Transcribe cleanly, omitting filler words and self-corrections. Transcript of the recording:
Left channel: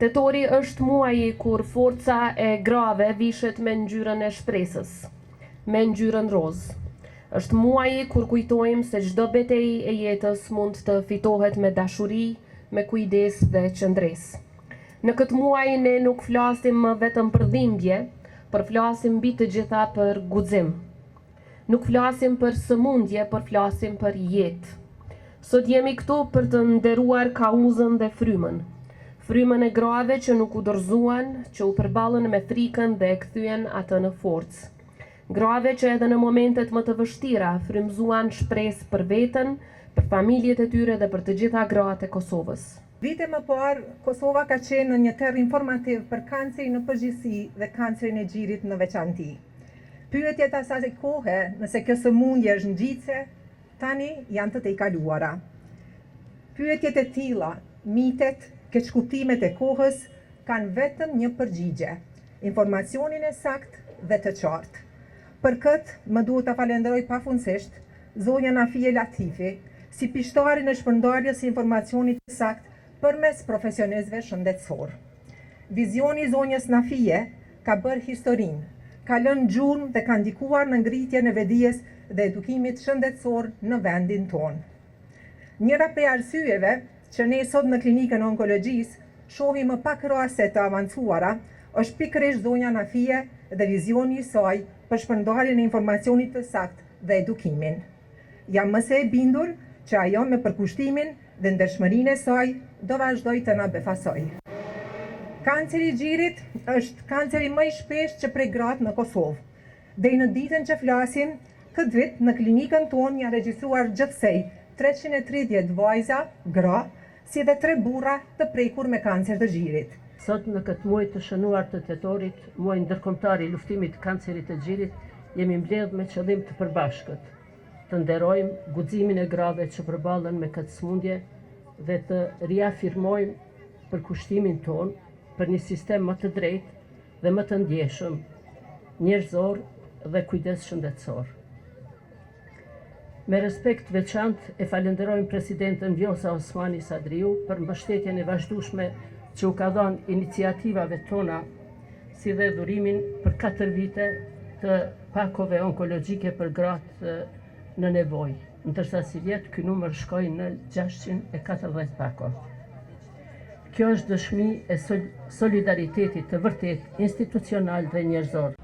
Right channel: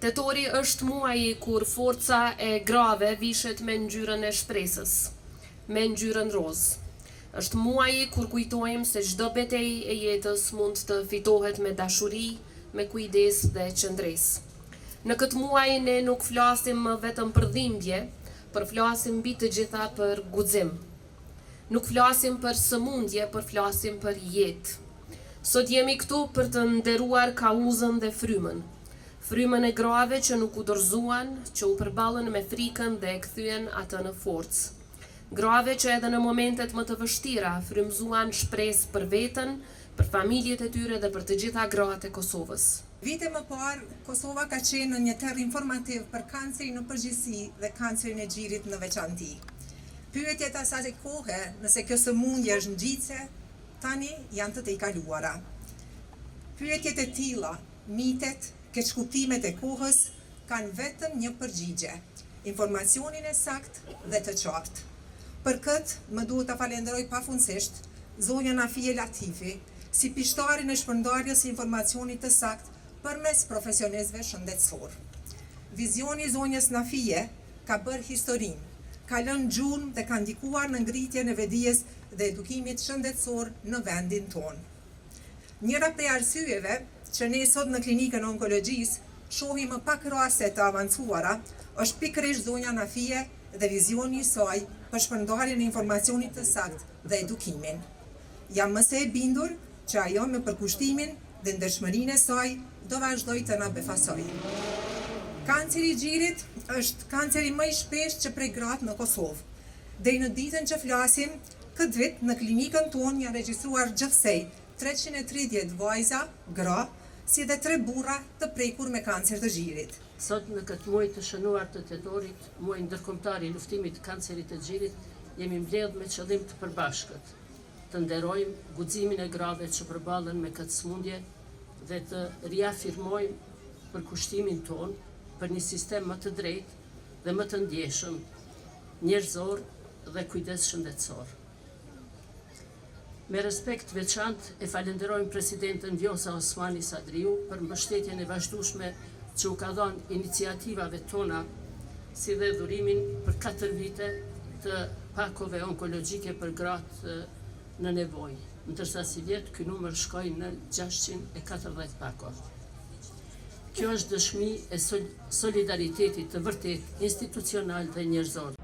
Tetori është muaji kur forca e grave vishet me ngjyrën e shpresës, me ngjyrën roz. Është muaji kur kujtojmë se çdo betejë e jetës mund të fitohet me dashuri, me kujdes dhe qëndresë. Në këtë muaj ne nuk flasim më vetëm për dhimbje, por flasim mbi të gjitha për guxim. Nuk flasim për sëmundje, por flasim për jetë. Sot jemi këtu për të nderuar kauzën dhe frymën. Frymën e grave që nuk u dorëzuan, që u përballën me frikën dhe e kthyen atë në forcë. Grave që edhe në momentet më të vështira frymëzuan shpresë për veten, për familjet e tyre dhe për të gjitha gratë e Kosovës. Vite më parë, Kosova ka qenë në një terr informativ për kancerin në përgjithësi dhe kancerin e gjirit në veçanti. Pyetjet asaj kohe, nëse kjo sëmundje është ngjitse, tani janë të tejkaluara. Pyetjet e tilla, mitet, keqkuptimet e kohës kanë vetëm një përgjigje: informacionin e saktë dhe të qartë. Për këtë më duhet ta falenderoj pafundësisht zonjën Afie Latifi, si pishtarin e shpërndarjes së informacionit të saktë përmes profesionistëve shëndetësor. Vizioni i zonjës Nafie ka bërë historinë, ka lënë gjurmë dhe ka ndikuar në ngritjen e vedijes dhe edukimit shëndetësor në vendin tonë. Njëra prej arsyeve që ne sot në klinikën e onkologjisë shohim më pak raste të avancuara është pikërisht zonja Nafie dhe vizioni i saj për shpërndarjen e informacionit të saktë dhe edukimin. Jam më së e bindur që ajo me përkushtimin dhe ndershmërinë e saj do vazhdoj të na befasoj. Kanceri i gjirit është kanceri më i shpeshtë që prek gratë në Kosovë. Deri në ditën që flasim, këtë vit në klinikën tonë janë regjistruar gjithsej 330 vajza, gra, si dhe 3 burra të prekur me kancer të gjirit. Sot në këtë muaj të shënuar të tetorit, muaj ndërkombëtar i luftimit të kancerit të gjirit, jemi mbledhur me qëllim të përbashkët, të nderojmë guximin e grave që përballen me këtë sëmundje dhe të riafirmojmë përkushtimin tonë për një sistem më të drejtë dhe më të ndjeshëm, njerëzor dhe kujdes shëndetësor. Me respekt veçantë e falenderojmë presidentën Vjosa Osmani Sadriu për mbështetjen e vazhdueshme që u ka dhënë iniciativave tona, si dhe dhurimin për 4 vite të pakove onkologjike për gratë në nevojë, ndërsa si vjet ky numër shkoi në 640 pakov. Kjo është dëshmi e solidaritetit të vërtet institucional dhe njerëzor.